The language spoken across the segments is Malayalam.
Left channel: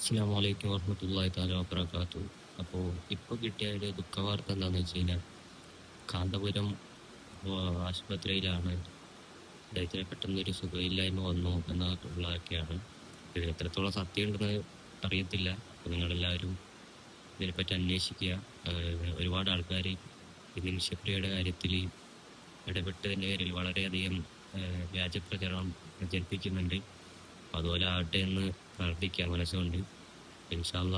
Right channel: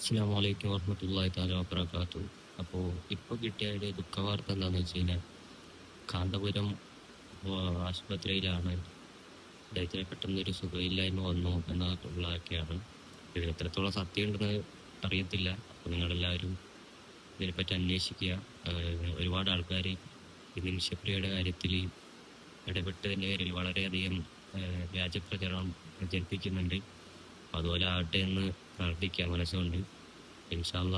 അസ്സാം വലൈക്കും വർഹമത്തല്ലാഹി താല വാബർക്കാത്തു അപ്പോൾ ഇപ്പോൾ കിട്ടിയ ഒരു ദുഃഖവാർത്ത എന്താണെന്ന് വെച്ച് കഴിഞ്ഞാൽ കാന്തപുരം ആശുപത്രിയിലാണ് അദ്ദേഹത്തിന് പെട്ടെന്നൊരു സുഖമില്ലായ്മ വന്നു എന്നുള്ളതൊക്കെയാണ് ഇത് എത്രത്തോളം സത്യം ഉണ്ടെന്ന് അറിയത്തില്ല. അപ്പോൾ നിങ്ങളെല്ലാവരും ഇതിനെപ്പറ്റി അന്വേഷിക്കുക. ഒരുപാട് ആൾക്കാർ ഈ നിമിഷപ്രിയയുടെ കാര്യത്തിൽ ഇടപെട്ടതിന്റെ പേരിൽ വളരെയധികം വ്യാജപ്രചരണം വ്യാജ പ്രചരണം പ്രചരിപ്പിക്കുന്നുണ്ട് അതുപോലെ ആവട്ടെ എന്ന് പ്രാർത്ഥിക്കാം മനസ്സുകൊണ്ട് ഇൻഷാല്ല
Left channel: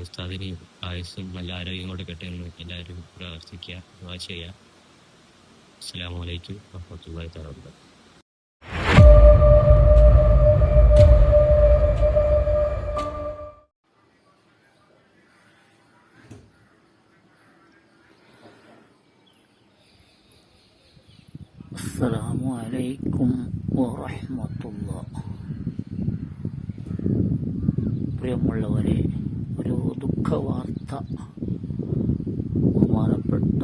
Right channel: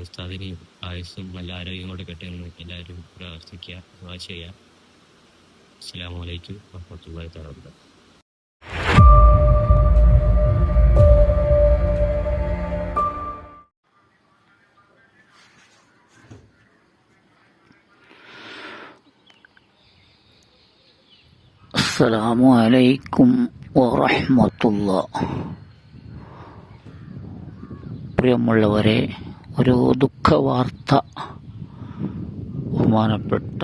ഉസ്താദിന് ആയുസ്സും നല്ല ആരോഗ്യം കൂടെ എന്ന് എല്ലാവരും പ്രാർത്ഥിക്കുക ദുആ ചെയ്യുക. അസ്സാം വലൈക്കും വബറകാതുഹു. അസ്സലാമു അലൈക്കും വറഹ്മത്തുള്ള പ്രിയമുള്ളവരെ ഒരു ദുഃഖവാർത്ത ബഹുമാനപ്പെട്ട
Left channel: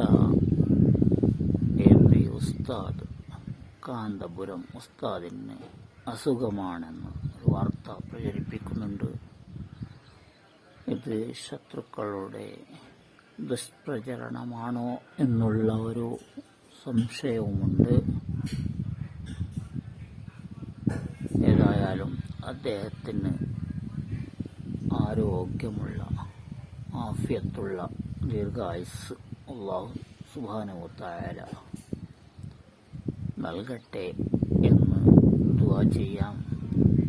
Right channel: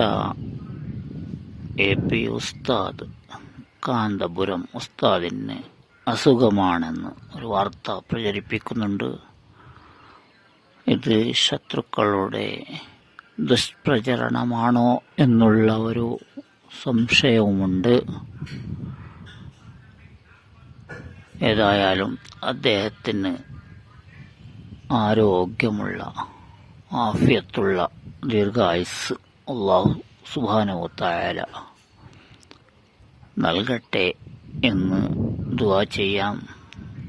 എ പി ഉസ്താദ് കാന്തപുരം ഉസ്താദിന് അസുഖമാണെന്ന് ഒരു വാർത്ത പ്രചരിപ്പിക്കുന്നുണ്ട്. ഇത് ശത്രുക്കളുടെ ദുഷ്പ്രചരണമാണോ എന്നുള്ള ഒരു സംശയവുമുണ്ട്. ഏതായാലും അദ്ദേഹത്തിന് ആരോഗ്യമുള്ള ആഫിയത്തുള്ള ദീർഘായുസ് അള്ളാഹു സുബാനുവത്തായാല നൽകട്ടെ എന്ന് ദുവാ ചെയ്യാം.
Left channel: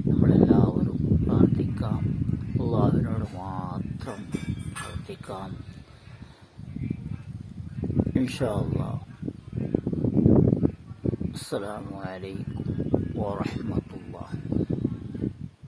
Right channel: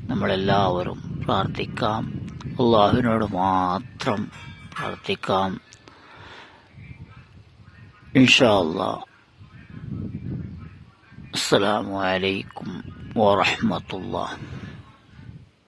നമ്മളെല്ലാവരും പ്രാർത്ഥിക്കാം. അള്ളാഹുവിനോട് മാത്രം പ്രാർത്ഥിക്കാം. ഇൻഷാ അല്ലാ അസ്സലാമു അലൈക്കും